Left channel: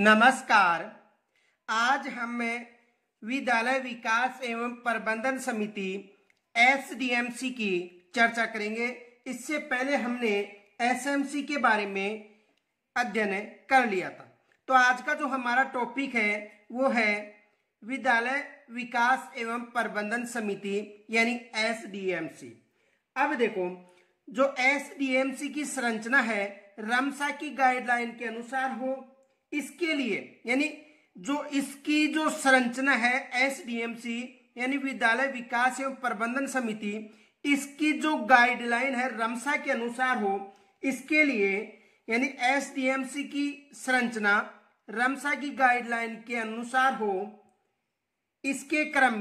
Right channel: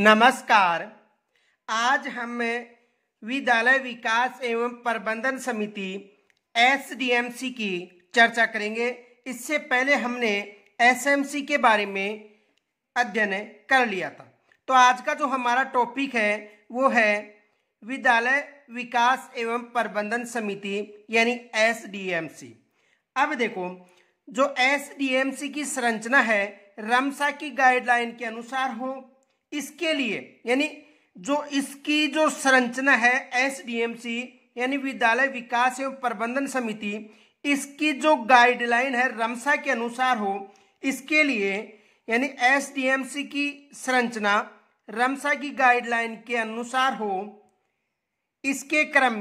नमस्कार। आज हम विद्यालय विकास एवं प्रबंधन समिति एसडीएमसी की चर्चा करेंगे। इससे पहले हमने एसएमसी के बारे में अध्ययन कर लिया था। तो आज का जो हमारा टॉपिक है वो है विद्यालय विकास एवं प्रबंधन समिति यानी एसडीएमसी। अब देखो, जो एसडीएमसी की संरचना है रमसा की गाइडलाइन के अनुसार हो, इसके लिए यानी जो इसकी जो संरचना है एसडीएमसी यानी विद्यालय विकास एवं प्रबंधन समिति, इसकी जो गाइडलाइन है रमसा के अनुसार हो, इसके लिए यानी एसडीएमसी की संरचना रमसा की गाइडलाइन के अनुसार हो, इसके क्रम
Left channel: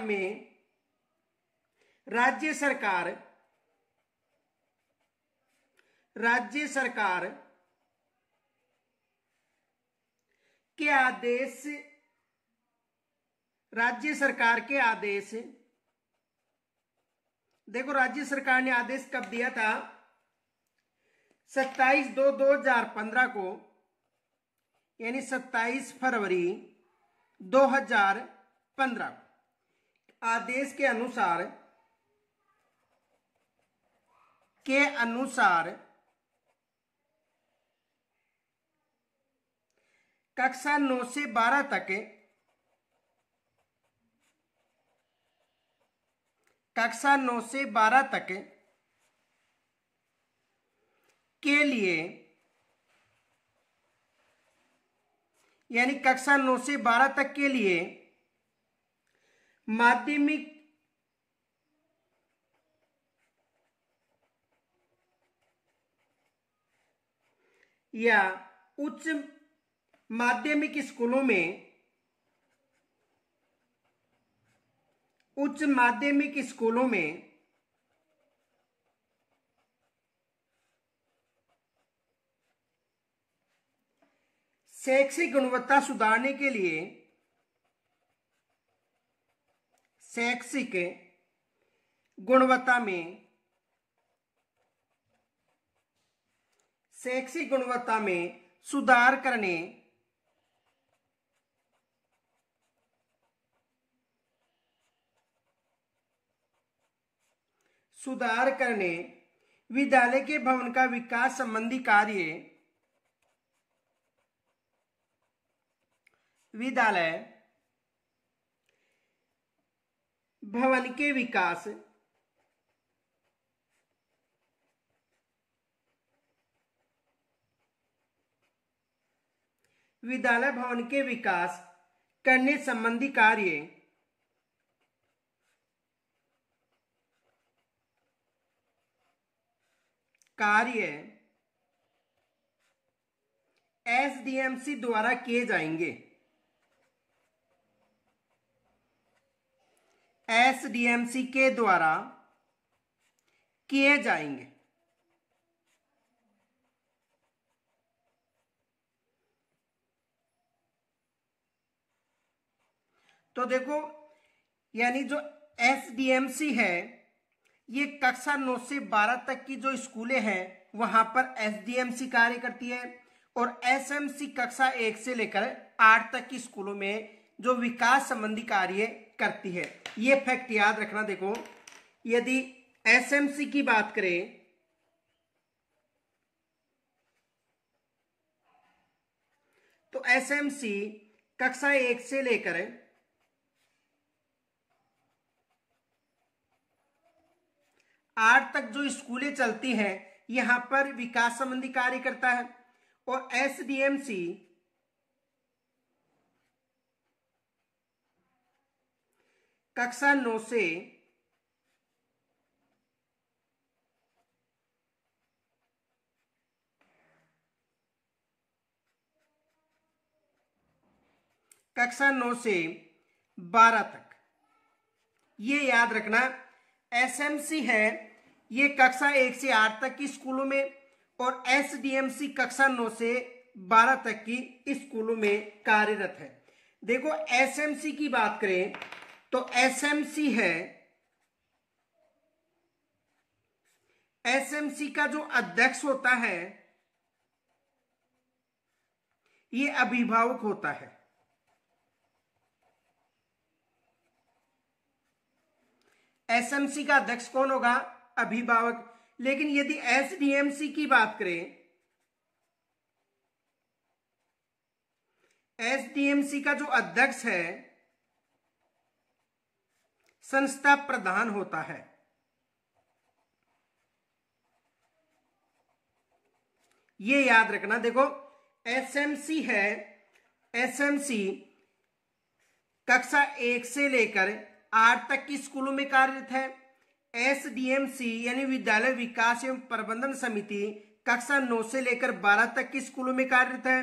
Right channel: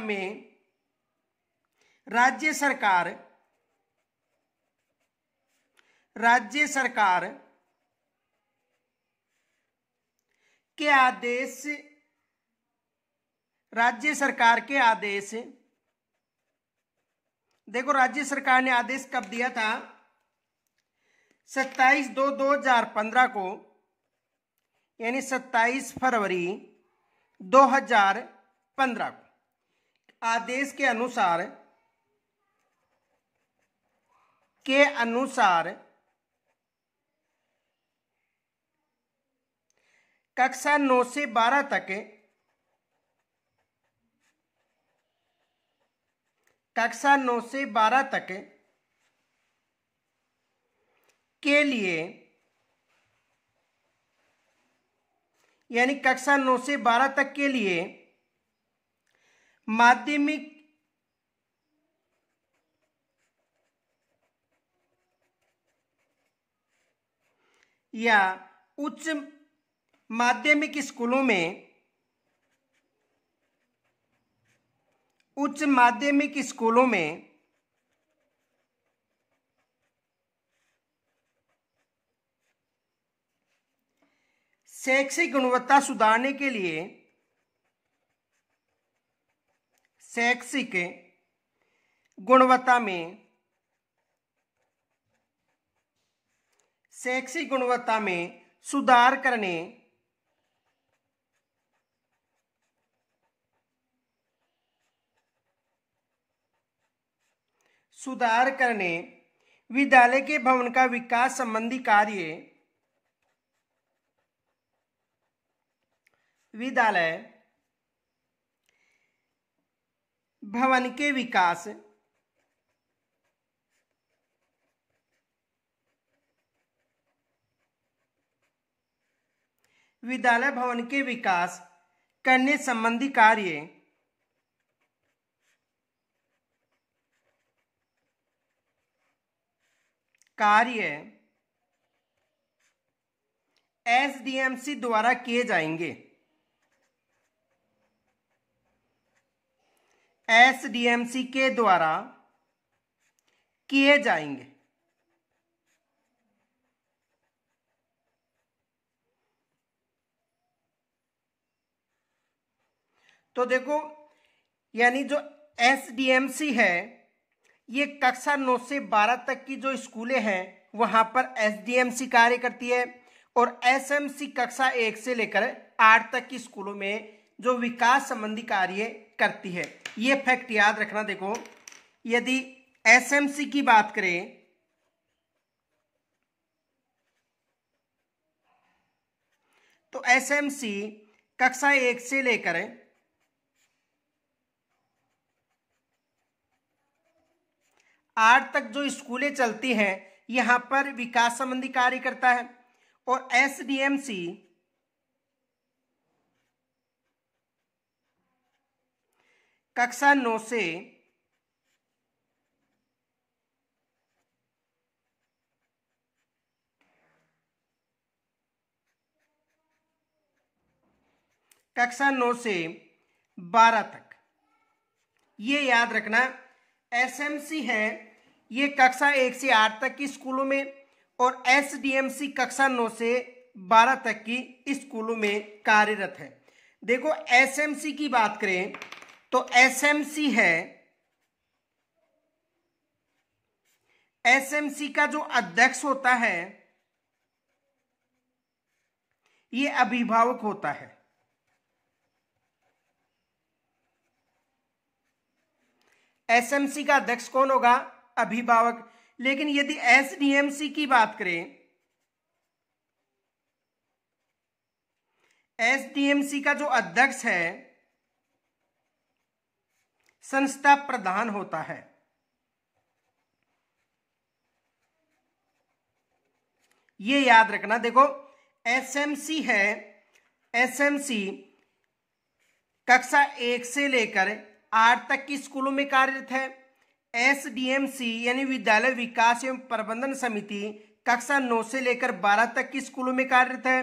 में राज्य सरकार के आदेश देखो, राज्य सरकार ने आदेश कब दिया था? 27/2/2015 को, यानी 27 फरवरी 2015 को आदेश के अनुसार कक्षा 9 से 12 तक के लिए, यानी कक्षा 9 से 12 तक के लिए माध्यमिक या उच्च माध्यमिक स्कूलों में शैक्षिक गुणवत्ता सुधारने के लिए शैक्षिक गुणवत्ता में सुधार करने विद्यालय के भवन का विकास संबंधी कार्य विद्यालय भवन के विकास करने संबंधी कार्य एसडीएमसी द्वारा किए जाएंगे। एसडीएमसी के द्वारा किए जाएंगे। तो देखो, यानी जो एसडीएमसी है ये कक्षा 9 से 12 तक की जो स्कूलें हैं वहां पर एसडीएमसी कार्य करती है, और एसएमसी कक्षा 1 से लेकर 8 तक की स्कूलों में जो विकास संबंधी कार्य करती है। ये फैक्ट याद रखना। देखो, यदि एसएमसी की बात करें तो एसएमसी कक्षा 1 से लेकर 8 तक जो स्कूलें चलती हैं यहां पर विकास संबंधी कार्य करता है, और एसडीएमसी कक्षा 9 से 12 तक, ये याद रखना। एसएमसी है ये कक्षा 1 से 8 तक की स्कूलों में, और एसडीएमसी कक्षा 9 से 12 तक की स्कूलों में कार्यरत है। देखो, एसएमसी की बात करें तो एसएमसी है एसएमसी का जो अध्यक्ष होता है ये अभिभावक होता है। एसएमसी का अध्यक्ष कौन होगा? अभिभावक। लेकिन यदि एसडीएमसी की बात करें, एसडीएमसी का जो अध्यक्ष है संस्था प्रधान होता है। ये याद रखना। देखो एसएमसी है, एसएमसी कक्षा 1 से लेकर 8 तक की स्कूलों में कार्यरत है। एसडीएमसी यानी विद्यालय विकास एवं प्रबंधन समिति कक्षा 9 से लेकर 12 तक की स्कूलों में कार्यरत है।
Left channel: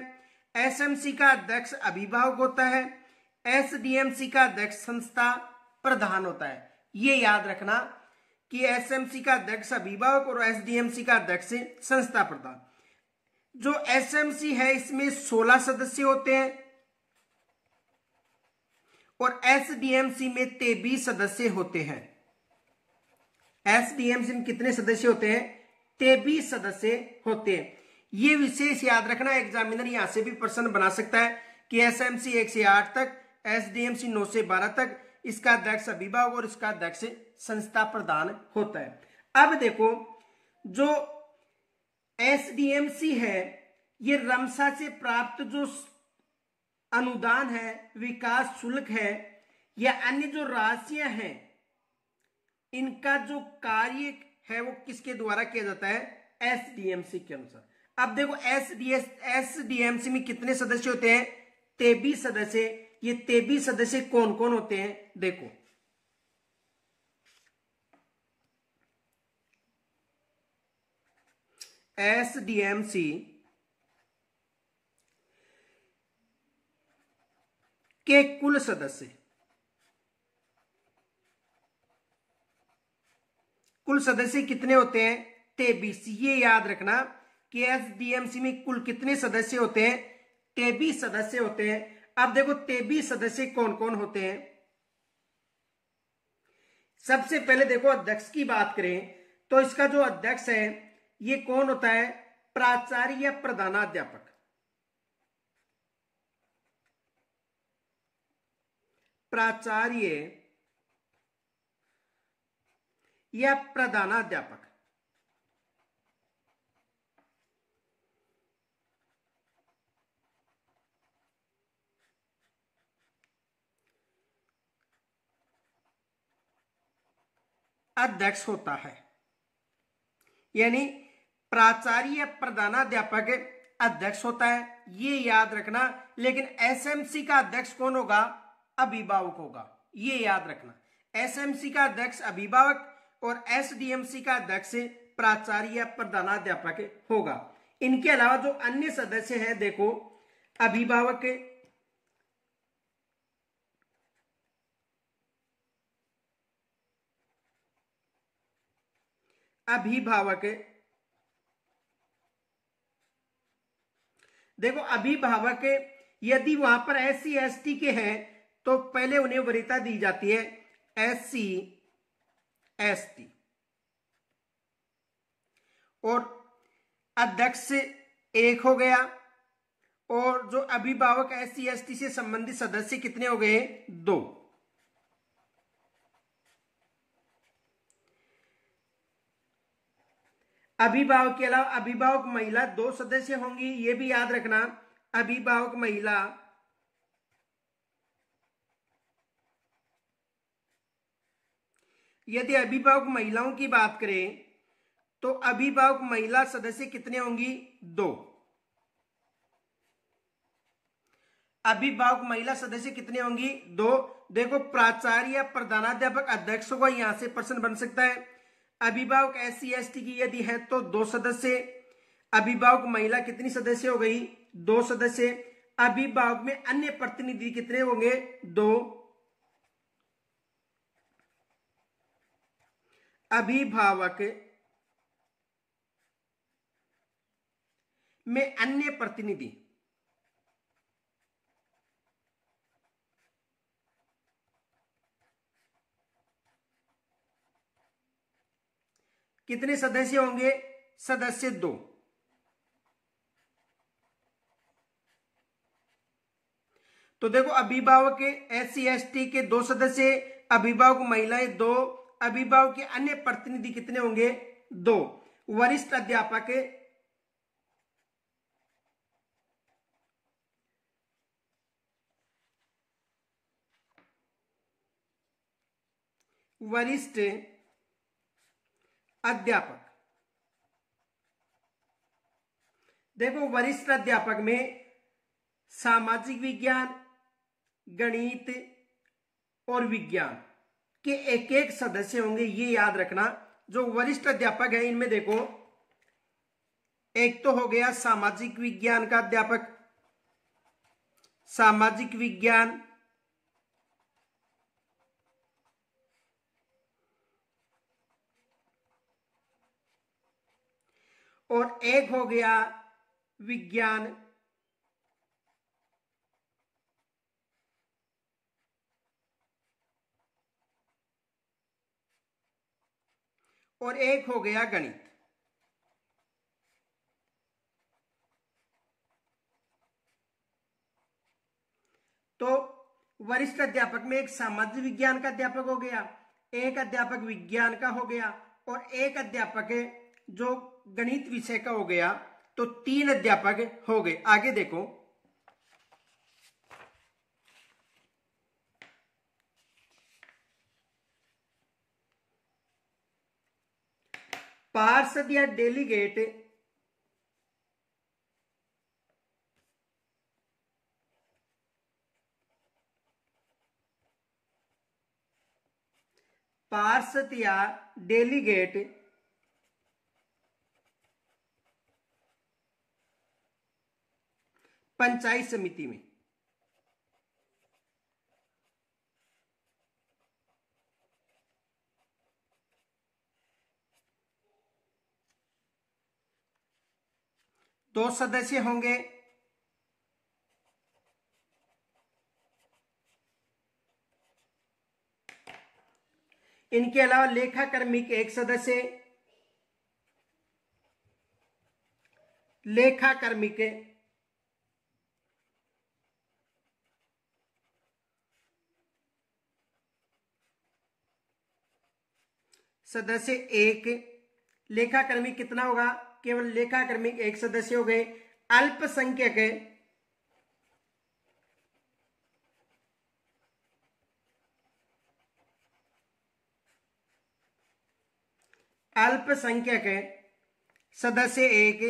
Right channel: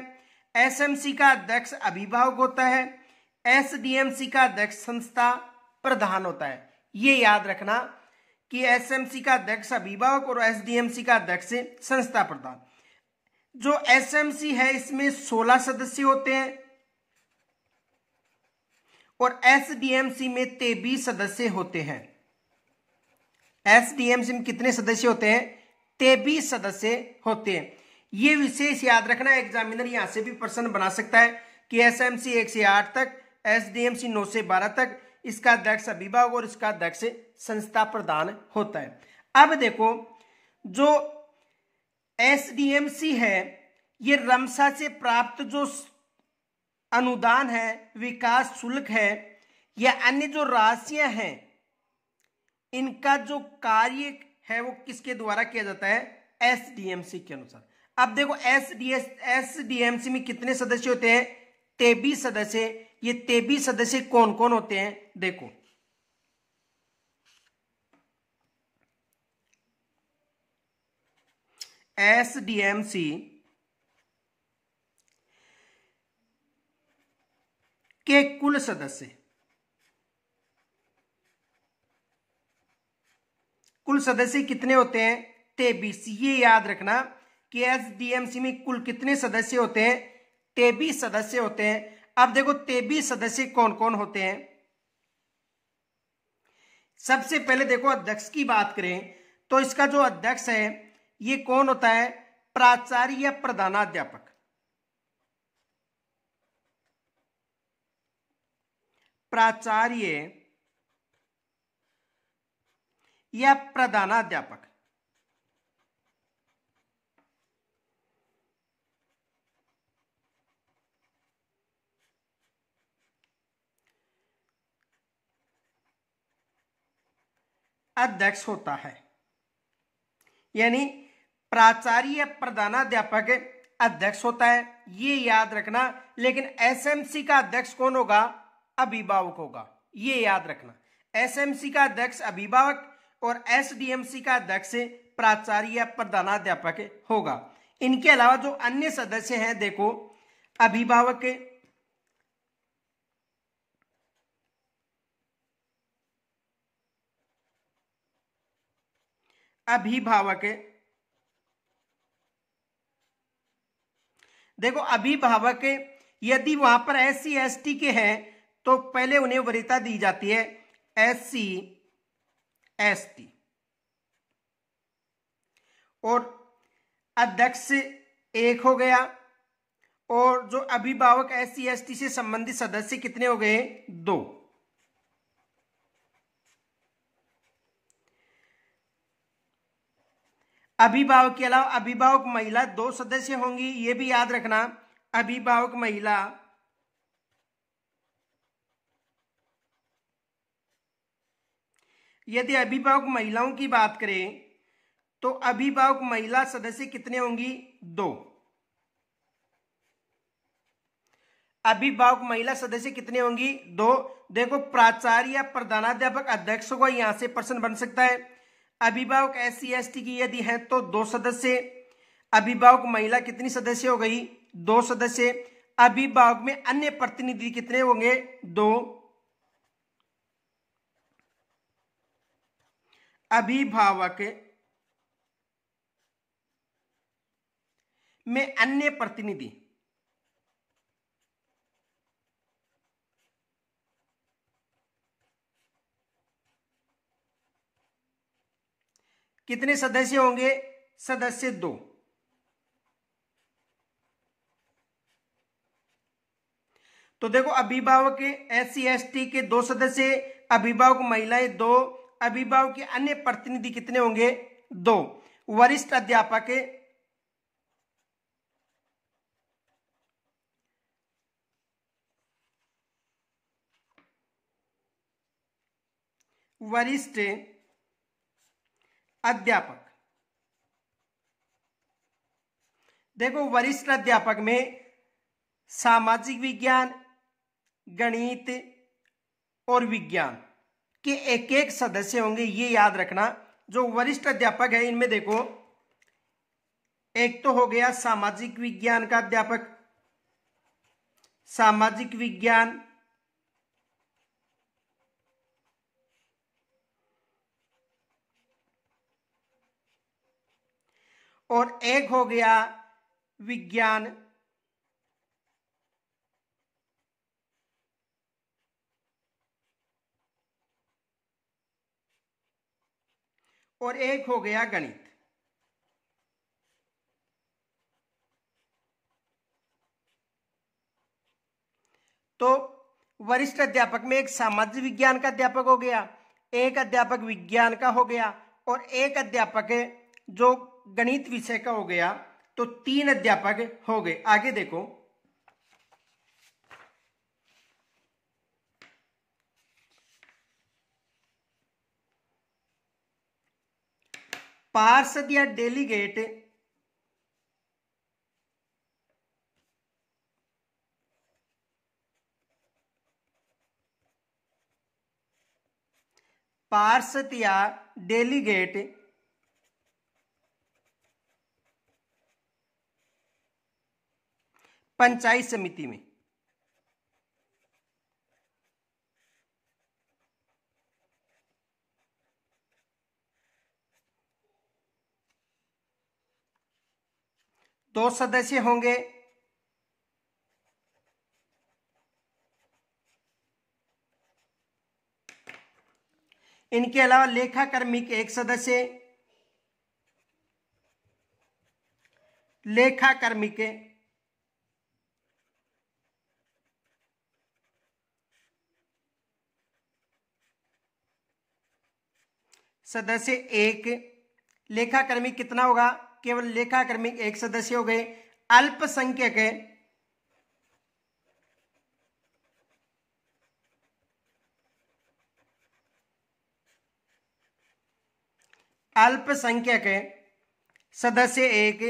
एसएमसी का अध्यक्ष अभिभावक होता है। एसडीएमसी का अध्यक्ष संस्था प्रधान होता है। ये याद रखना कि एसएमसी का अध्यक्ष अभिभावक और एसडीएमसी का अध्यक्ष संस्था प्रधान। जो एसएमसी है इसमें 16 सदस्य होते हैं और एसडीएमसी में 23 सदस्य होते हैं। एसडीएमसी में कितने सदस्य होते हैं? 23 सदस्य होते हैं। ये विशेष याद रखना, एग्जामिनर यहां से भी प्रश्न बना सकता है कि एसएमसी 1 से 8 तक, एसडीएमसी 9 से 12 तक, इसका अध्यक्ष अभिभावक और इसका अध्यक्ष संस्था प्रधान होता है। अब देखो जो एसडीएमसी है ये रमसा से प्राप्त जो अनुदान है, विकास शुल्क है या अन्य जो राशियां हैं, इनका जो कार्य है वो किसके द्वारा किया जाता है? एसडीएमसी के अनुसार। अब देखो एसडीएमसी में कितने सदस्य होते हैं? 23 सदस्य। ये 23 सदस्य कौन कौन होते हैं? देखो एसडीएमसी के कुल सदस्य, कुल सदस्य कितने होते हैं? 23। ये याद रखना कि एसडीएमसी में कुल कितने सदस्य होते हैं? 23 सदस्य होते हैं। अब देखो 23 सदस्य कौन कौन होते हैं? सबसे पहले देखो अध्यक्ष की बात करें तो इसका जो अध्यक्ष है ये कौन होता है? प्राचार्य या प्रधानाध्यापक। प्राचार्य या प्रधानाध्यापक। अध्यक्ष होता है, यानी प्राचार्य या प्रधानाध्यापक अध्यक्ष होता है, ये याद रखना। लेकिन एसएमसी का अध्यक्ष कौन होगा? अभिभावक होगा। ये याद रखना, एसएमसी का अध्यक्ष अभिभावक और एसडीएमसी का अध्यक्ष प्राचार्य या प्रधानाध्यापक होगा। इनके अलावा जो अन्य सदस्य हैं देखो अभिभावक, देखो अभिभावक यदि वहां पर SC ST के हैं तो पहले उन्हें वरीयता दी जाती है SC ST, और अध्यक्ष एक हो गया, और जो अभिभावक SC ST से संबंधित सदस्य कितने हो गए? 2। अभिभावक के अलावा अभिभावक महिला 2 सदस्य होंगी, ये भी याद रखना। अभिभावक महिला यदि अभिभावक महिलाओं की बात करें तो अभिभावक महिला सदस्य कितने होंगी? 2। अभिभावक महिला सदस्य कितने होंगी? 2। देखो प्राचार्य या प्रधानाध्यापक अध्यक्ष होगा, यहां से प्रश्न बन सकता है। अभिभावक SC ST की यदि है तो 2 सदस्य। अभिभावक महिला कितनी सदस्य हो गई? 2 सदस्य। अभिभावक में अन्य प्रतिनिधि कितने होंगे? 2। अभिभावक में अन्य प्रतिनिधि कितने सदस्य होंगे? सदस्य 2। तो देखो अभिभावक SC/ST के 2 सदस्य, अभिभावक महिलाएं 2, अभिभावक के अन्य प्रतिनिधि कितने होंगे? 2। वरिष्ठ अध्यापक वरिष्ठ अध्यापक, देखो वरिष्ठ अध्यापक में सामाजिक विज्ञान, गणित और विज्ञान के एक एक सदस्य होंगे, ये याद रखना। जो वरिष्ठ अध्यापक है इनमें देखो, एक तो हो गया सामाजिक विज्ञान का अध्यापक, सामाजिक विज्ञान, और एक हो गया विज्ञान, और एक हो गया गणित। तो वरिष्ठ अध्यापक में एक सामाजिक विज्ञान का अध्यापक हो गया, एक अध्यापक विज्ञान का हो गया, और एक अध्यापक जो गणित विषय का हो गया। तो 3 अध्यापक हो गए। आगे देखो, पार्षद या डेलीगेट पार्षद या डेलीगेट पंचायत समिति में, दो सदस्य होंगे। इनके अलावा लेखा कर्मी के एक सदस्य, लेखा कर्मी के सदस्य 1। लेखाकर्मी कितना होगा? केवल लेखाकर्मी एक सदस्य हो गए। अल्पसंख्यक अल्पसंख्यक सदस्य 1,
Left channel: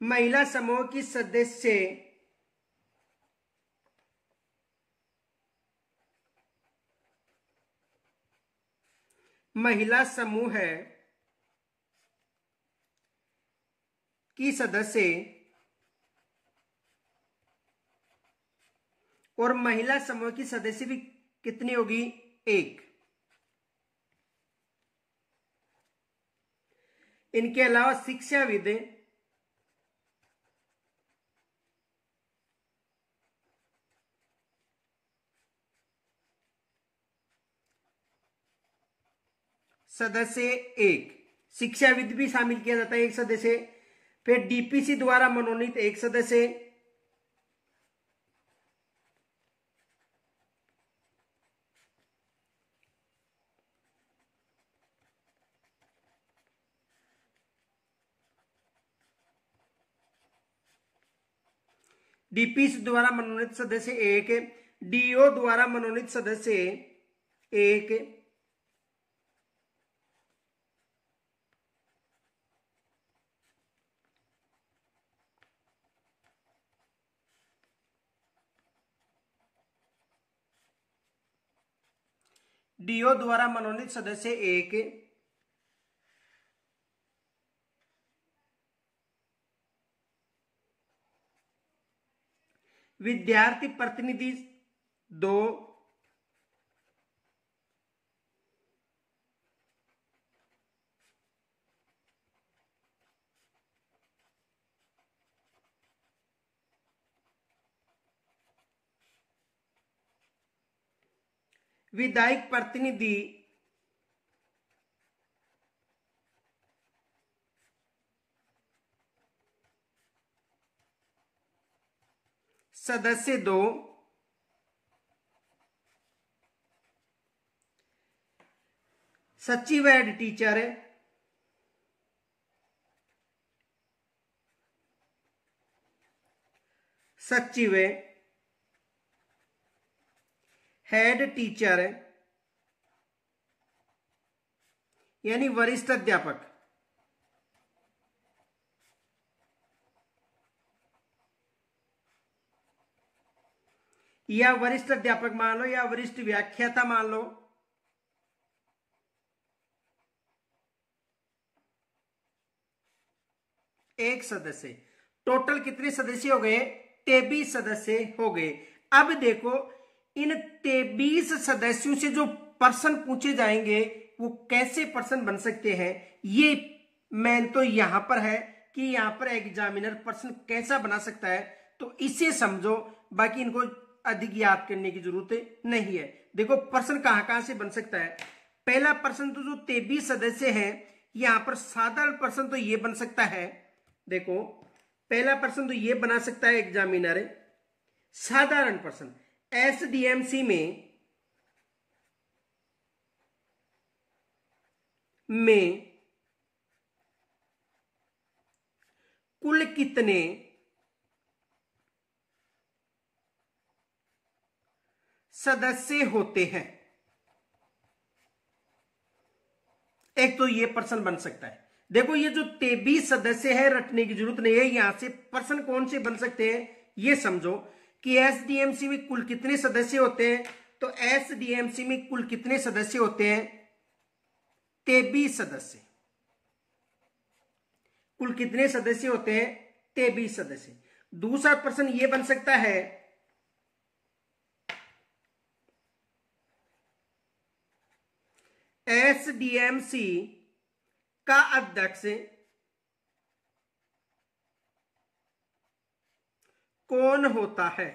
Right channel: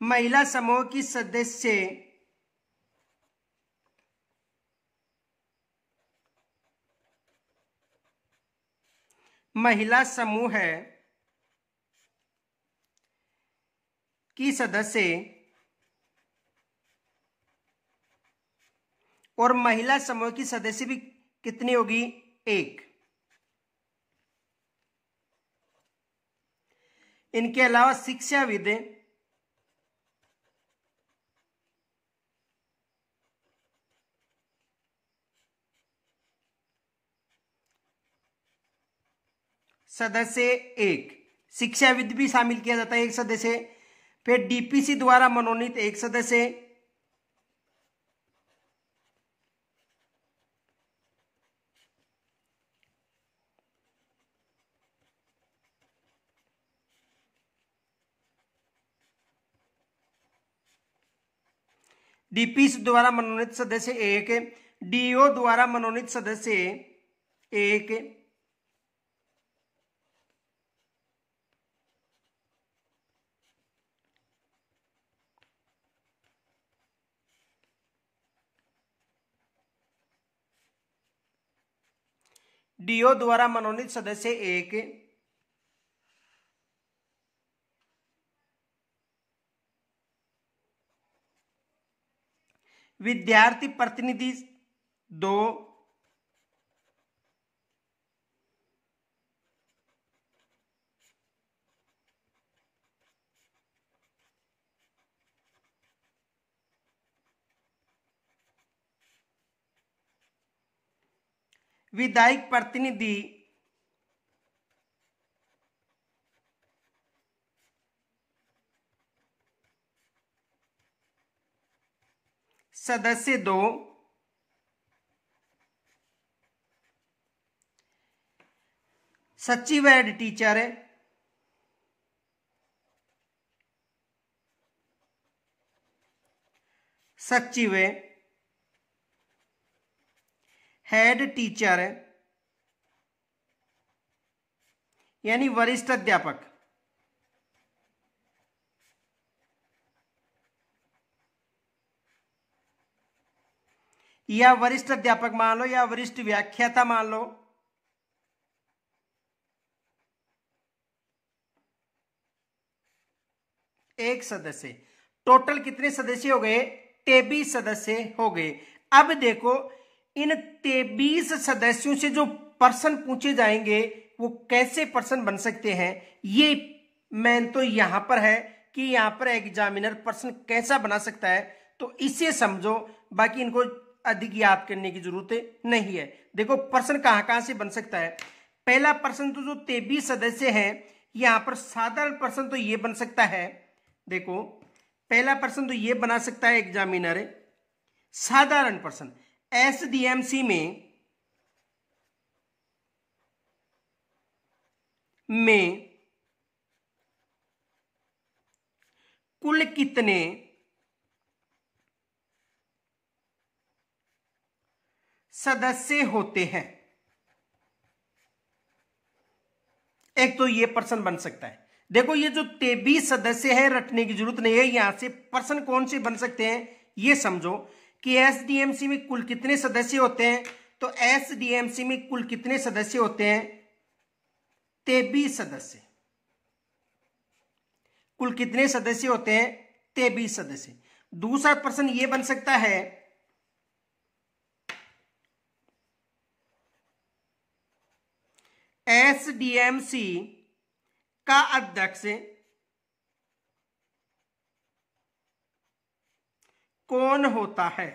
महिला समूह की सदस्य महिला समूह की सदस्य और महिला समूह की सदस्य भी कितनी होगी? 1। इनके अलावा शिक्षाविद सदस्य 1, शिक्षाविद भी शामिल किया जाता है एक सदस्य। फिर DPC द्वारा मनोनीत एक सदस्य, DPC द्वारा मनोनीत सदस्य 1, DO द्वारा मनोनीत सदस्य 1, DO द्वारा मनोनीत सदस्य 1, विद्यार्थी प्रतिनिधि 2, विधायक प्रतिनिधि सदस्य 2, सचिव हेड टीचर, सचिव हेड टीचर यानी वरिष्ठ अध्यापक, या वरिष्ठ अध्यापक मान लो या वरिष्ठ व्याख्याता मान लो, एक सदस्य। टोटल कितने सदस्य हो गए? 23 सदस्य हो गए। अब देखो इन 23 सदस्यों से जो पर्सन पूछे जाएंगे वो कैसे पर्सन बन सकते हैं, ये मेन तो यहां पर है कि यहां पर एग्जामिनर पर्सन कैसा बना सकता है, तो इसे समझो, बाकी इनको अधिक याद करने की जरूरत नहीं है। देखो पर्सन कहां कहां से बन सकता है। पहला पर्सन तो जो 23 सदस्य है, यहां पर साधारण पर्सन तो ये बन सकता है। देखो पहला पर्सन तो ये बना सकता है एग्जामिनर, साधारण पर्सन। एसडीएमसी में कुल कितने सदस्य होते हैं, एक तो ये पर्सन बन सकता है। देखो ये जो 23 सदस्य है रटने की जरूरत नहीं है, यहां से पर्सन कौन से बन सकते हैं ये समझो कि एसडीएमसी में कुल कितने सदस्य होते हैं। तो एसडीएमसी में कुल कितने सदस्य होते हैं? 23 सदस्य। कुल कितने सदस्य होते हैं? 23 सदस्य। दूसरा पर्सन ये बन सकता है एसडीएमसी का अध्यक्ष कौन होता है?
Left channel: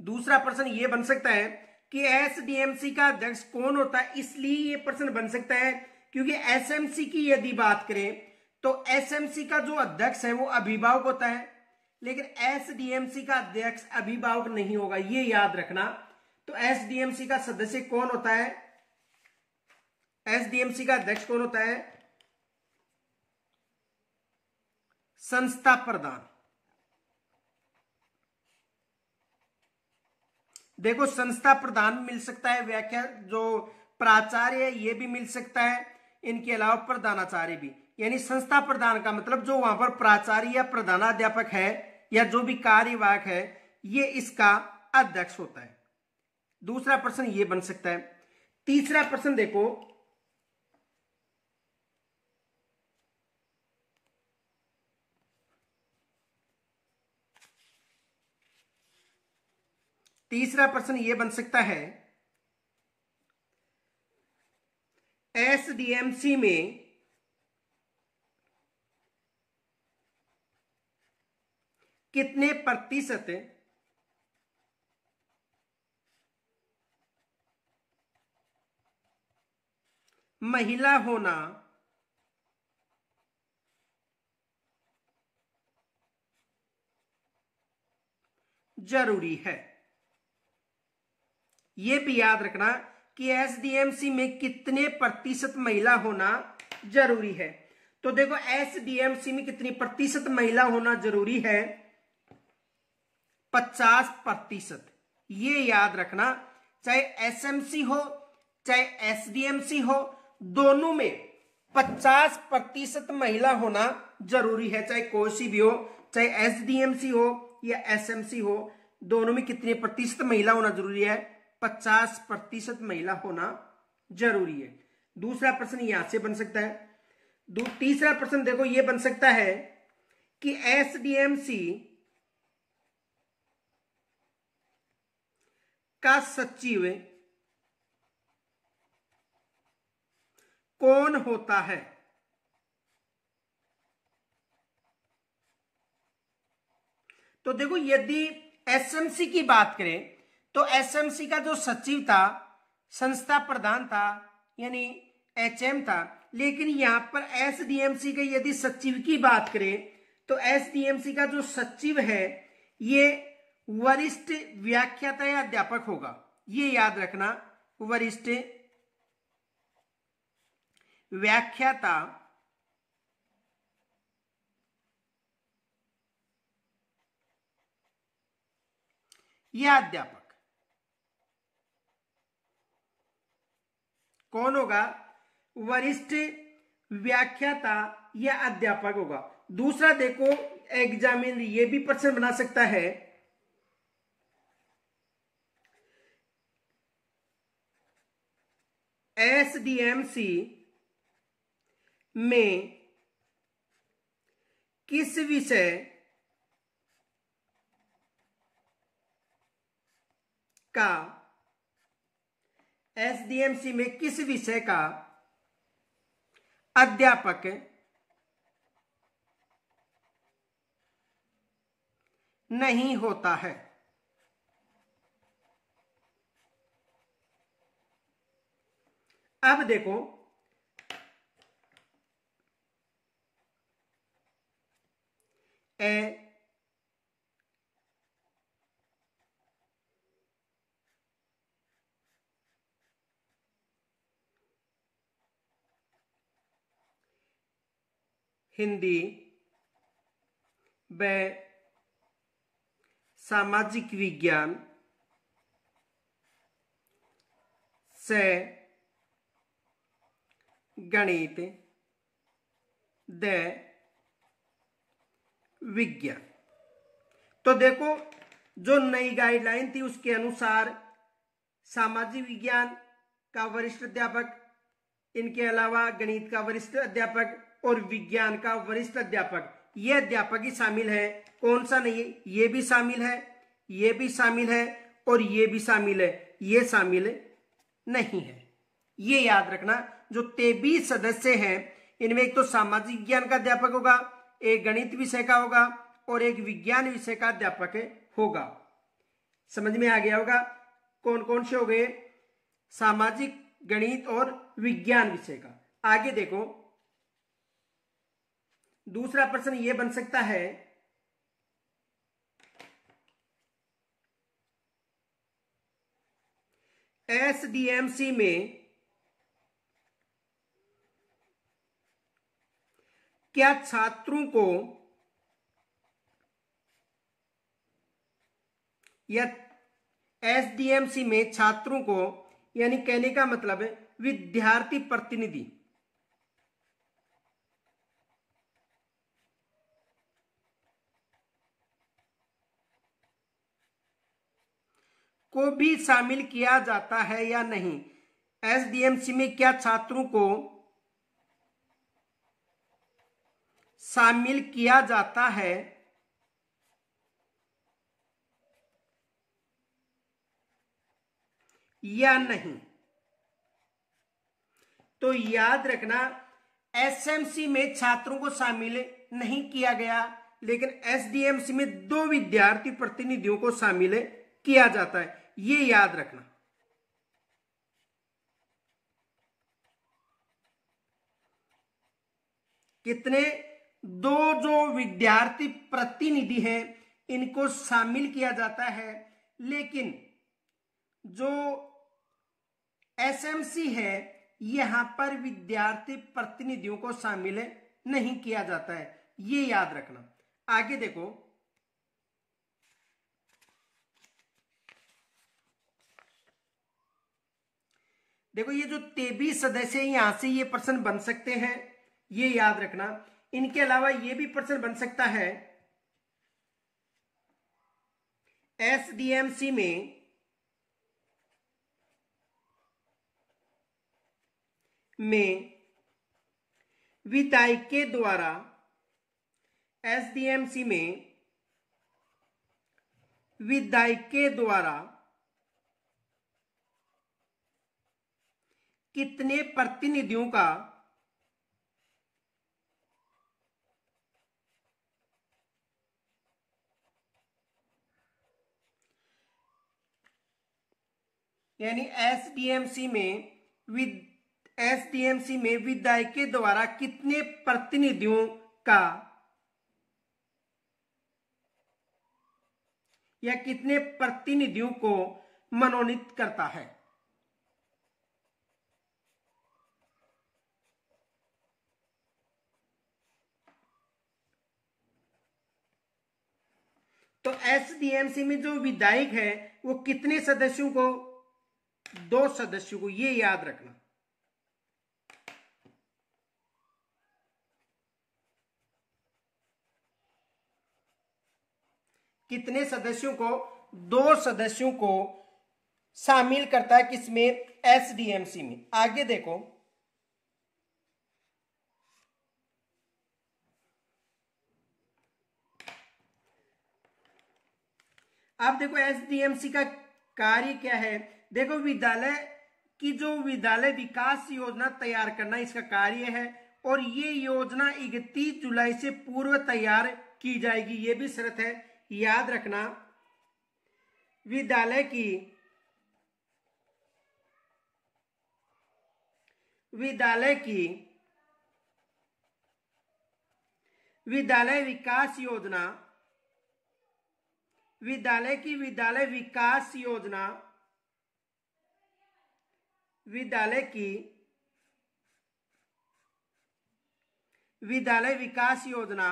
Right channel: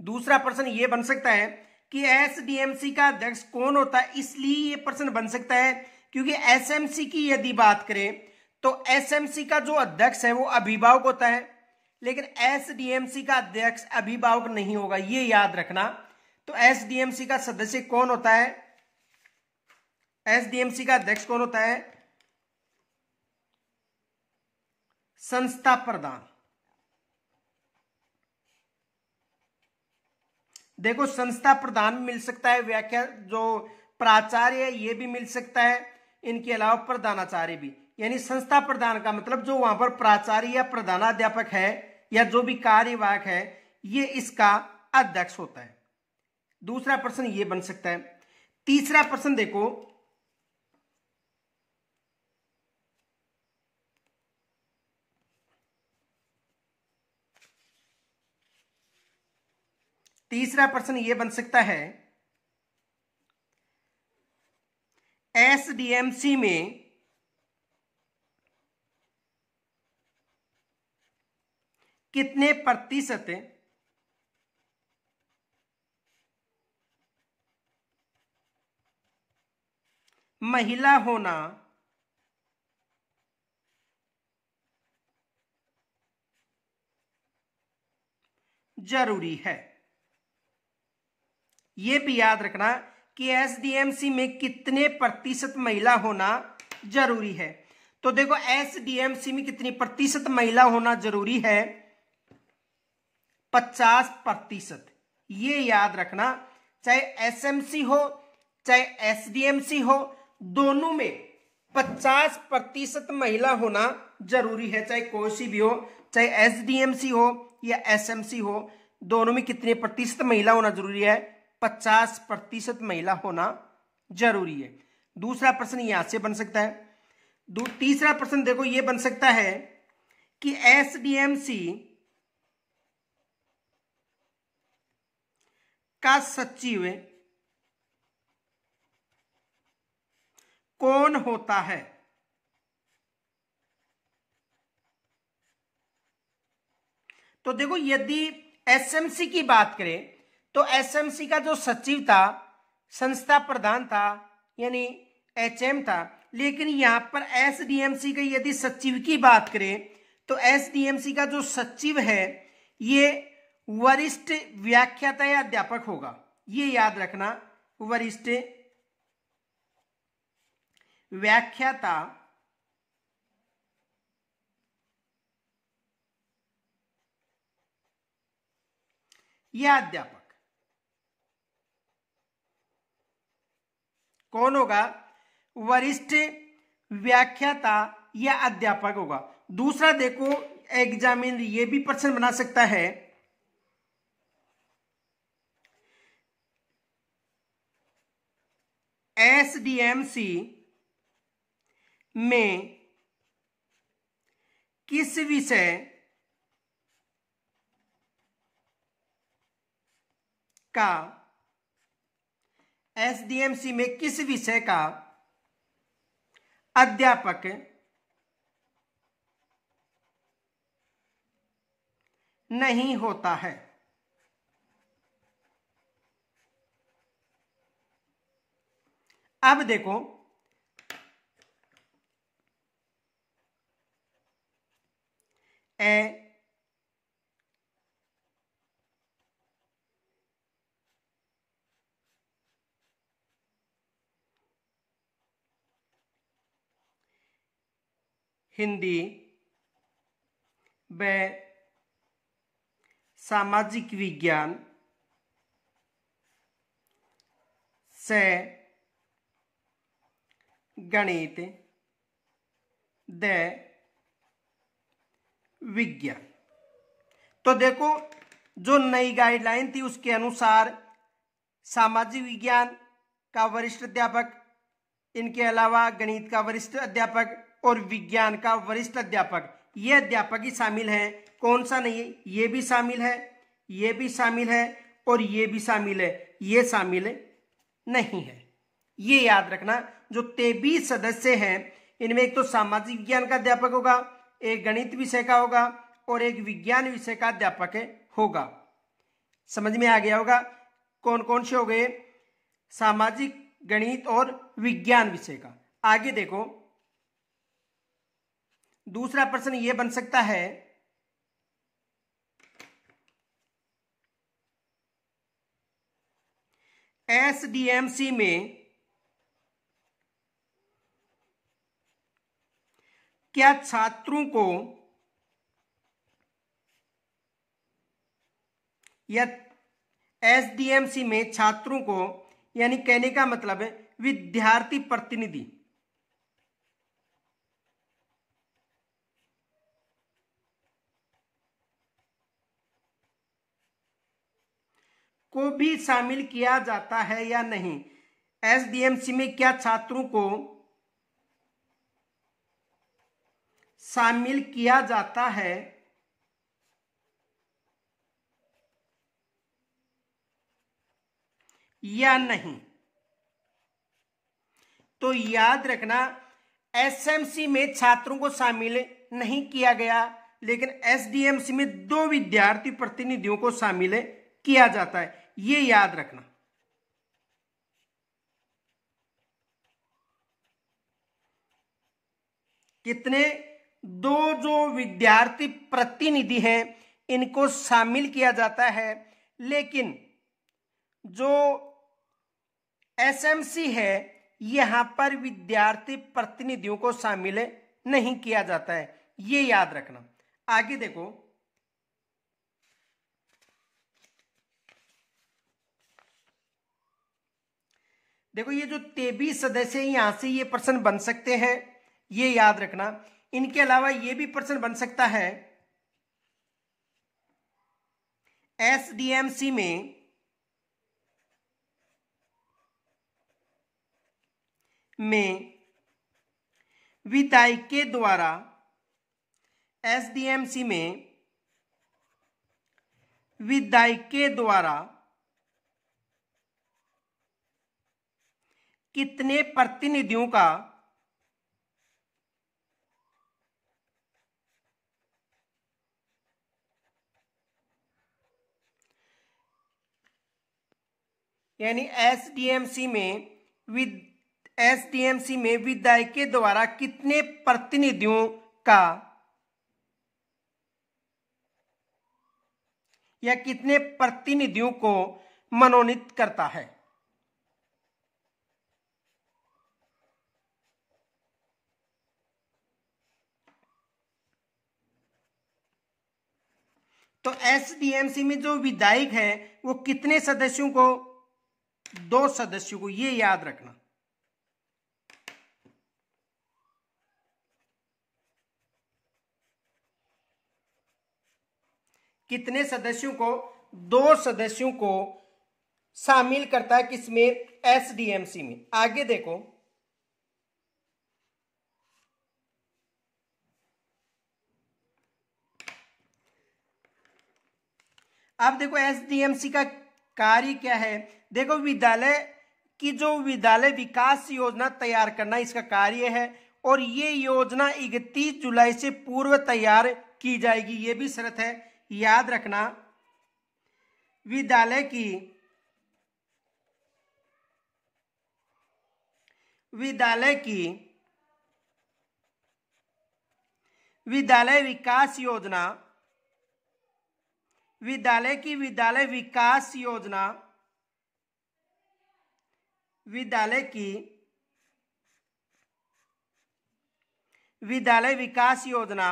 दूसरा पर्सन यह बन सकता है कि एसडीएमसी का अध्यक्ष कौन होता है, इसलिए यह पर्सन बन सकता है क्योंकि एसएमसी की यदि बात करें तो एसएमसी का जो अध्यक्ष है वो अभिभावक होता है, लेकिन एसडीएमसी का अध्यक्ष अभिभावक नहीं होगा, ये याद रखना। तो एसडीएमसी का सदस्य कौन होता है? एसडीएमसी का अध्यक्ष कौन होता है? संस्था प्रधान। देखो संस्था प्रधान मिल सकता है, व्याख्या जो प्राचार्य है ये भी मिल सकता है, इनके अलावा प्रधानाचार्य भी। यानी संस्था प्रधान का मतलब जो वहां पर प्राचार्य या प्रधानाध्यापक है या जो भी कार्यवाहक है ये इसका अध्यक्ष होता है। दूसरा पर्सन ये बन सकता है। तीसरा पर्सन देखो तीसरा पर्सन ये बन सकता है एसडीएमसी में कितने प्रतिशत महिला होना जरूरी है। यह भी याद रखना कि एसडीएमसी में कितने प्रतिशत महिला होना जरूरी है। तो देखो एसडीएमसी में कितनी प्रतिशत महिला होना जरूरी है? 50%। ये याद रखना, चाहे एसएमसी हो चाहे एसडीएमसी हो, दोनों में 50% महिला होना जरूरी है। चाहे कोई सी भी हो, चाहे एसडीएमसी हो या एसएमसी हो, दोनों में कितने प्रतिशत महिला होना जरूरी है? 50% महिला होना जरूरी है। दूसरा प्रश्न यहां से बन सकता है। तीसरा प्रश्न देखो ये बन सकता है कि एसडीएमसी का सचिव कौन होता है? तो देखो यदि एसएमसी की बात करें तो एसएमसी का जो सचिव था, संस्था प्रधान था, यानी एचएम था। लेकिन यहां पर एसडीएमसी के यदि सचिव की बात करें तो एसडीएमसी का जो सचिव है ये वरिष्ठ व्याख्याता या अध्यापक होगा। ये याद रखना, वरिष्ठ व्याख्याता या अध्यापक कौन होगा? वरिष्ठ व्याख्याता या अध्यापक होगा। दूसरा देखो एग्जामिनर ये भी प्रश्न बना सकता है, एसडीएमसी में किस विषय का, एसडीएमसी में किस विषय का अध्यापक नहीं होता है? अब देखो हिंदी व सामाजिक विज्ञान से गणित व विज्ञान। तो देखो जो नई गाइडलाइन थी उसके अनुसार सामाजिक विज्ञान का वरिष्ठ अध्यापक, इनके अलावा गणित का वरिष्ठ अध्यापक और विज्ञान का वरिष्ठ अध्यापक, ये अध्यापक ही शामिल है। कौन सा नहीं? ये भी शामिल है, ये भी शामिल है और ये भी शामिल है, ये शामिल नहीं है। ये याद रखना, जो 23 सदस्य हैं इनमें एक तो सामाजिक विज्ञान का अध्यापक होगा, एक गणित विषय का होगा और एक विज्ञान विषय का अध्यापक होगा। समझ में आ गया होगा कौन कौन से हो गए? सामाजिक, गणित और विज्ञान विषय का। आगे देखो दूसरा प्रश्न यह बन सकता है, एसडीएमसी में क्या छात्रों को या एसडीएमसी में छात्रों को, यानी कहने का मतलब है विद्यार्थी प्रतिनिधि को भी शामिल किया जाता है या नहीं? एसडीएमसी में क्या छात्रों को शामिल किया जाता है या नहीं? तो याद रखना एसएमसी में छात्रों को शामिल नहीं किया गया, लेकिन एसडीएमसी में 2 विद्यार्थी प्रतिनिधियों को शामिल किया जाता है। ये याद रखना। कितने? 2 जो विद्यार्थी प्रतिनिधि हैं इनको शामिल किया जाता है, लेकिन जो एसएमसी है यहां पर विद्यार्थी प्रतिनिधियों को शामिल नहीं किया जाता है। ये याद रखना। आगे देखो ये जो 23 सदस्य हैं यहां से ये प्रश्न बन सकते हैं, ये याद रखना। इनके अलावा ये भी प्रश्न बन सकता है, एसडीएमसी में विधायक के द्वारा, एसडीएमसी में विधायक के द्वारा कितने प्रतिनिधियों का यानी एसडीएमसी में विधायक के द्वारा कितने प्रतिनिधियों का या कितने प्रतिनिधियों को मनोनीत करता है। तो एसडीएमसी में जो विधायक है वो कितने सदस्यों को, 2 सदस्यों को, ये याद रखना। कितने सदस्यों को, 2 सदस्यों को शामिल करता है किसमें, एसडीएमसी में। आगे देखो, अब देखो एसडीएमसी का कार्य क्या है। देखो विद्यालय की जो विद्यालय विकास योजना तैयार करना इसका कार्य है, और ये योजना 31 जुलाई से पूर्व तैयार की जाएगी, ये भी शर्त है, याद रखना। विद्यालय विद्यालय विकास योजना, विद्यालय विकास योजना, विद्यालय विकास योजना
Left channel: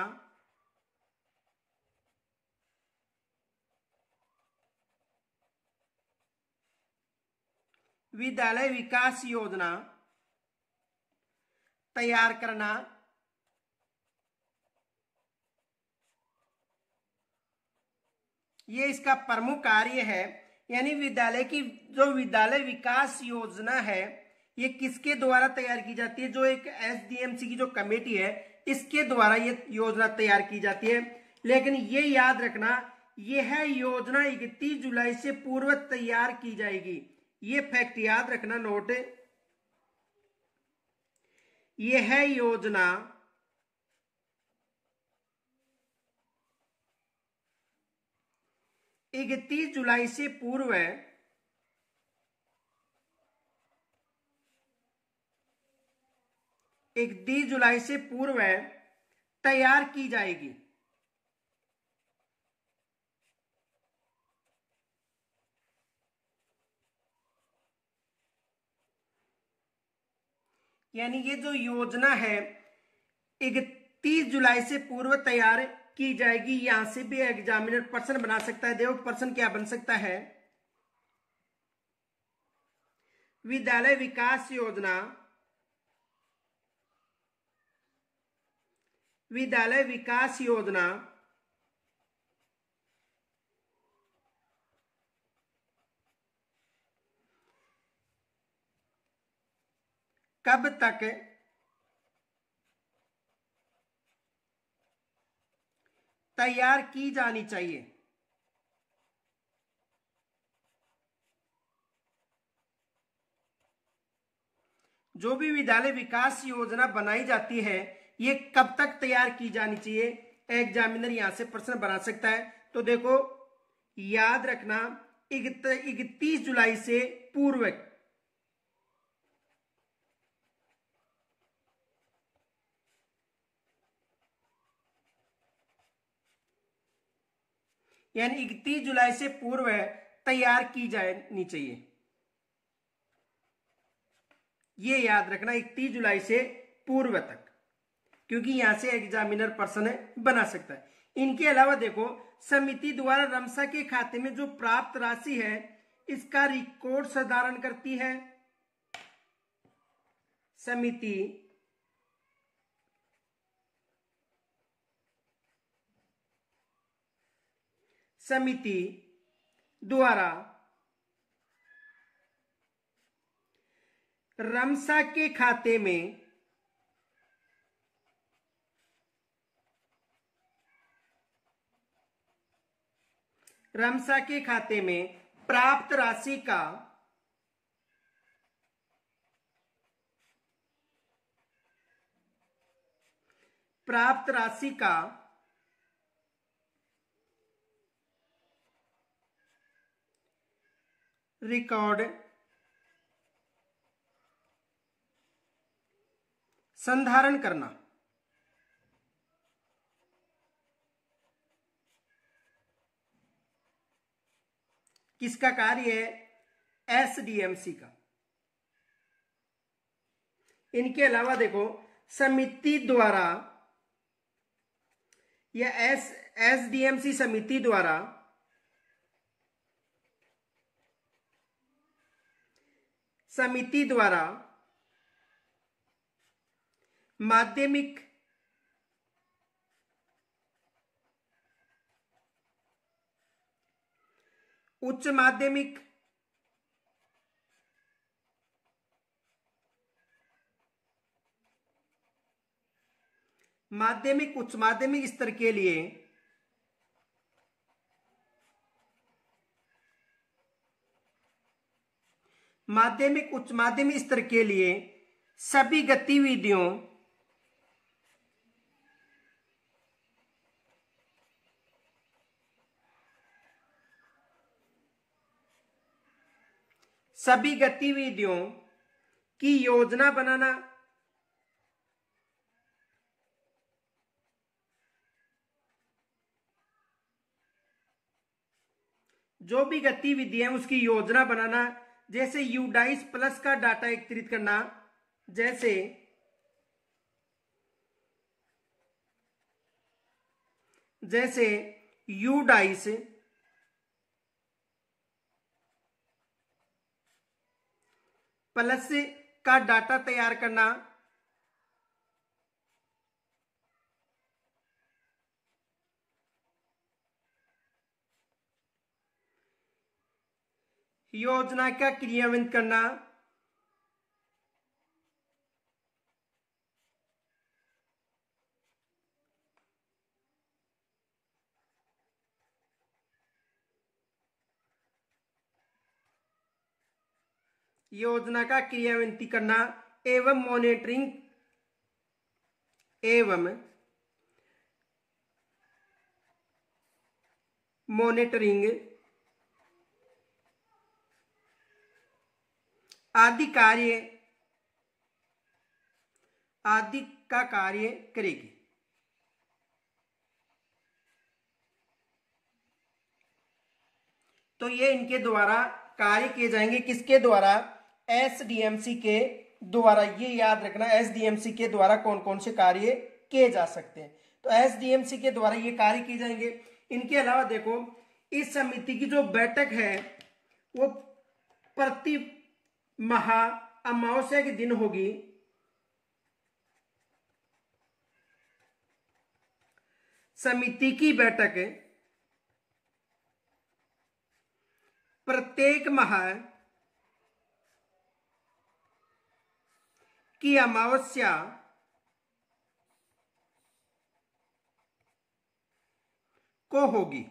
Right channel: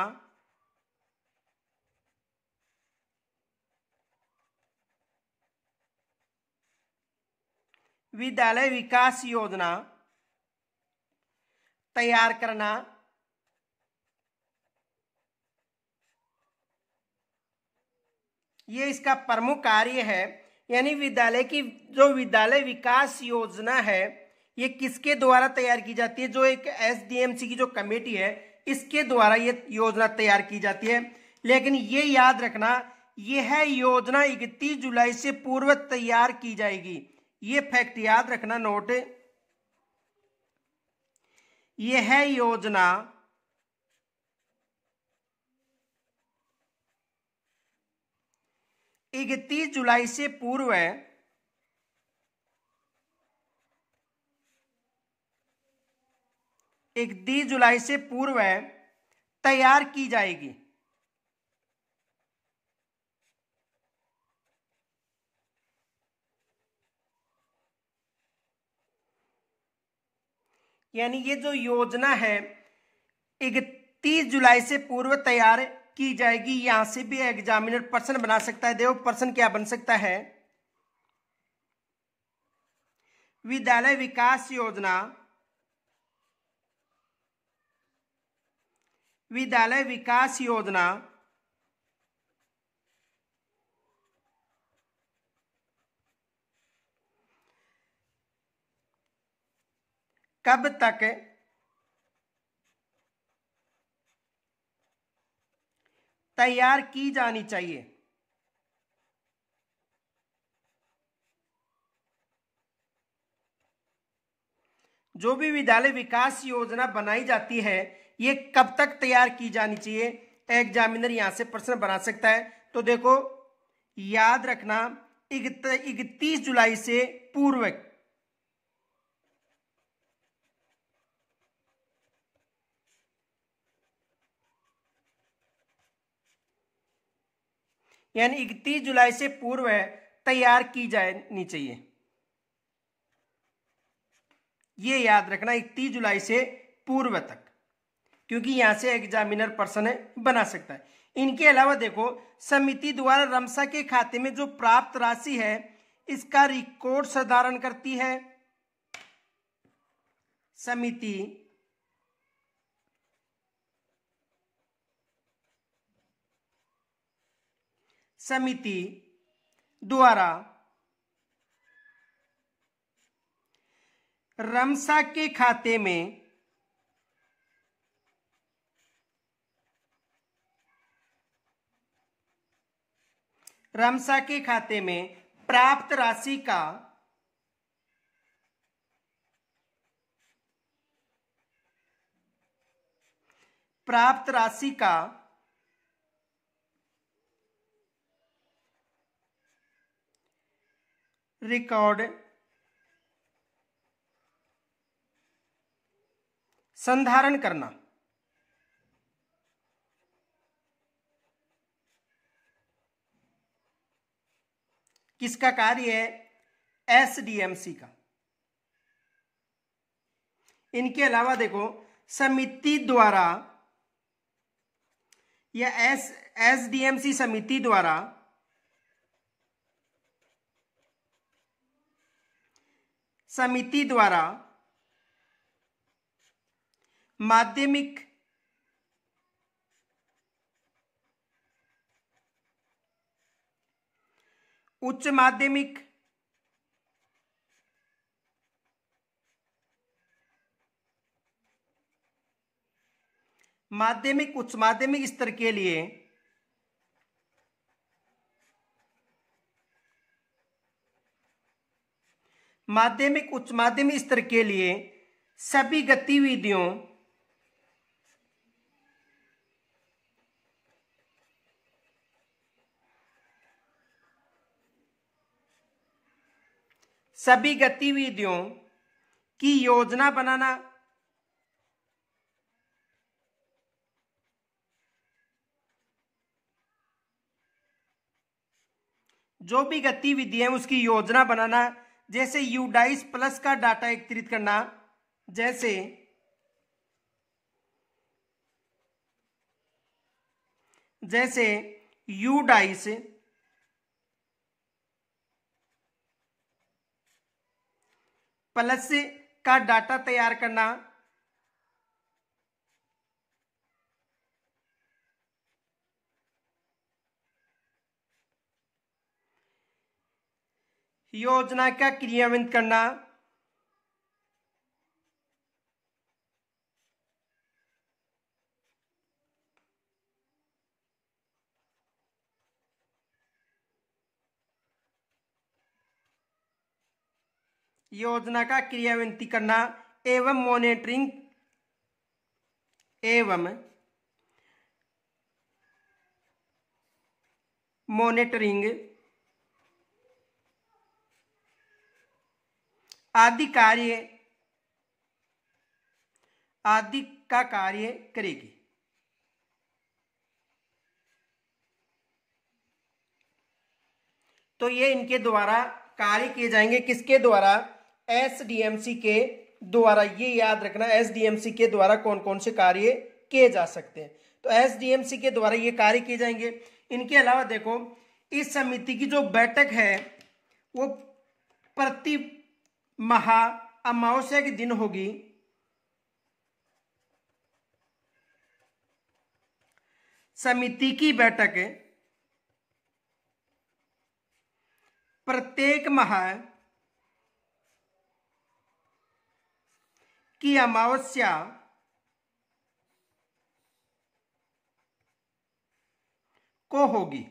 विद्यालय विकास योजना तैयार करना, ये इसका प्रमुख कार्य है। यानी विद्यालय की जो विद्यालय विकास योजना है ये किसके द्वारा तैयार की जाती है, जो एक एसडीएमसी की जो कमेटी है इसके द्वारा ये योजना तैयार की जाती है। लेकिन ये याद रखना, यह योजना 31 जुलाई से पूर्व तैयार की जाएगी, ये फैक्ट याद रखना, नोट। यह योजना 31 जुलाई से पूर्व 31 जुलाई से पूर्व तैयार की जाएगी। यानी ये जो योजना है 31 जुलाई से पूर्व तैयार की जाएगी। यहां से भी एग्जामिनर प्रश्न बना सकता है। देखो प्रश्न क्या बन सकता है, विद्यालय विकास योजना कब तक तैयार की जानी चाहिए। जो भी विद्यालय विकास योजना बनाई जाती है ये कब तक तैयार की जानी चाहिए, एग्जामिनर यहां से प्रश्न बना सकता है। तो देखो याद रखना 31 जुलाई से पूर्व। यानी 31 जुलाई से पूर्व तैयार की जानी चाहिए, ये याद रखना 31 जुलाई से पूर्व तक, क्योंकि यहां से एग्जामिनर प्रश्न बना सकता है। इनके अलावा देखो समिति द्वारा रमसा के खाते में जो प्राप्त राशि है इसका रिकॉर्ड साधारण करती है। समिति द्वारा रमसा के खाते में प्राप्त राशि का रिकॉर्ड संधारण करना। किसका कार्य है? एसडीएमसी का। इनके अलावा देखो समिति द्वारा या एसडीएमसी समिति द्वारा माध्यमिक उच्च माध्यमिक उच्च माध्यमिक स्तर के लिए उच्च माध्यमिक स्तर के लिए सभी गतिविधियों की योजना बनाना, जो भी गतिविधि है उसकी योजना बनाना, जैसे यूडाइस प्लस का डाटा एकत्रित करना, जैसे यूडाइस प्लस का डाटा तैयार करना, योजना का क्रियान्वयन करना, करना एवं मॉनिटरिंग आदि का कार्य करेगी। तो ये इनके द्वारा कार्य किए जाएंगे। किसके द्वारा? एसडीएमसी के द्वारा। ये याद रखना, एसडीएमसी के द्वारा कौन कौन से कार्य किए जा सकते हैं। तो एसडीएमसी के द्वारा ये कार्य किए जाएंगे। इनके अलावा देखो इस समिति की जो बैठक है वो प्रति माह अमावस्या के दिन होगी। समिति की बैठक प्रत्येक माह की अमावस्या को होगी।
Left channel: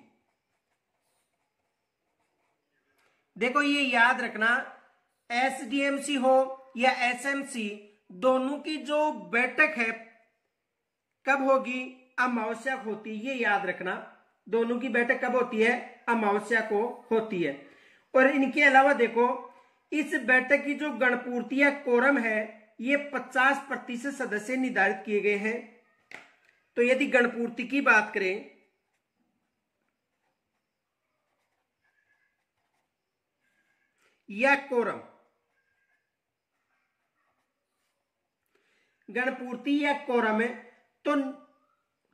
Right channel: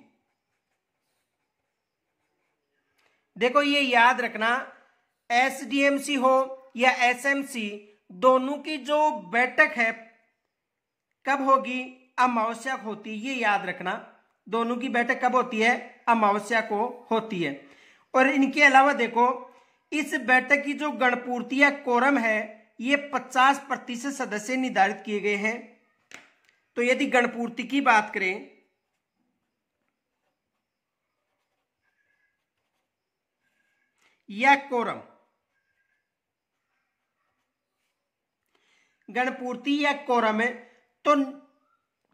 देखो ये याद रखना, एसडीएमसी हो या एसएमसी, दोनों की जो बैठक है कब होगी? अमावस्या को होती है। ये याद रखना, दोनों की बैठक कब होती है? अमावस्या को होती है। और इनके अलावा देखो इस बैठक की जो गणपूर्ति या कोरम है ये 50% सदस्य निर्धारित किए गए हैं। तो यदि गणपूर्ति की बात करें या कोरम, गणपूर्ति या कोरम है, तो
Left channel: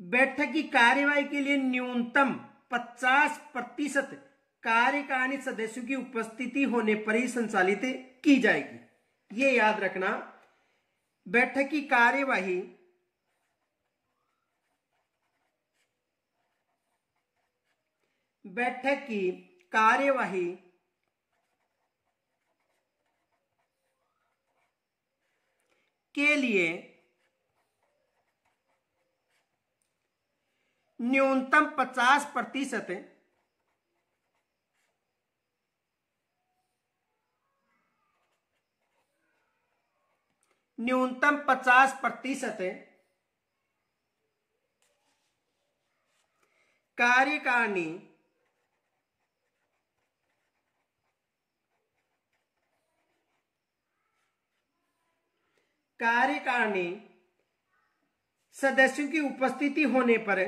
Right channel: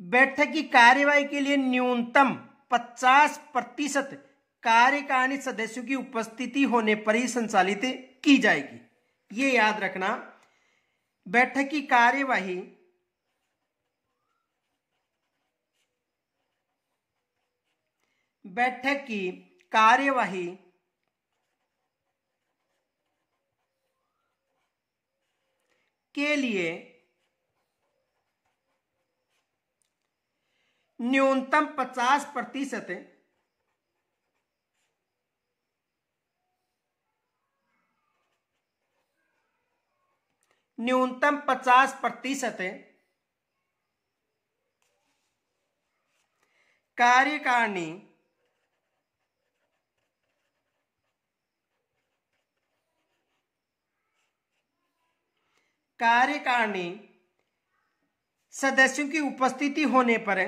बैठक की कार्यवाही के लिए न्यूनतम 50% कार्यकारिणी सदस्यों की उपस्थिति होने पर ही संचालित की जाएगी। ये याद रखना, बैठक की कार्यवाही के लिए न्यूनतम 50% कार्यकारिणी सदस्यों की उपस्थिति होने पर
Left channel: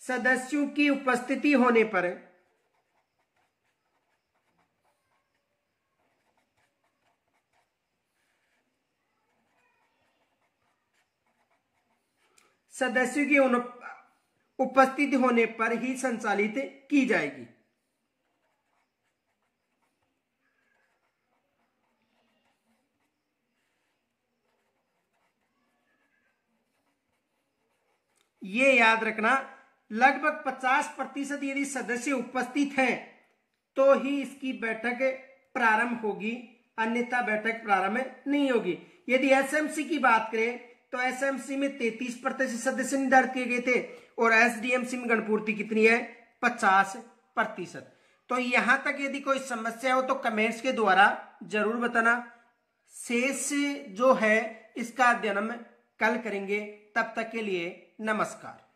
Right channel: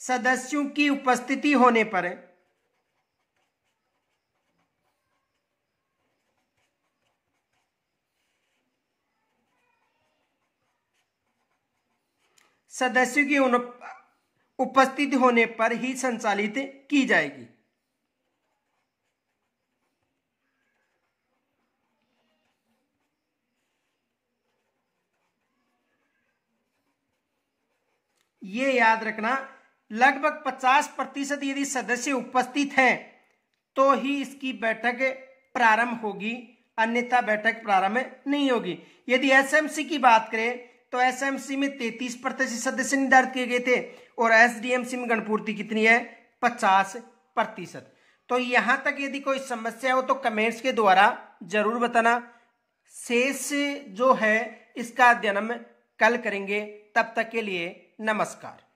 सदस्यों की उपस्थिति होने पर सदस्यों की उपस्थिति होने पर ही संचालित की जाएगी। ये याद रखना, लगभग 50% यदि सदस्य उपस्थित हैं तो ही इसकी बैठक प्रारंभ होगी, अन्यथा बैठक प्रारंभ नहीं होगी। यदि एसएमसी की बात करें तो एसएमसी में 33% सदस्य निर्धारित किए गए थे और एसडीएमसी में गणपूर्ति कितनी है? 50%। तो यहां तक यदि कोई समस्या हो तो कमेंट्स के द्वारा जरूर बताना। शेष जो है इसका अध्ययन हम कल करेंगे। तब तक के लिए नमस्कार।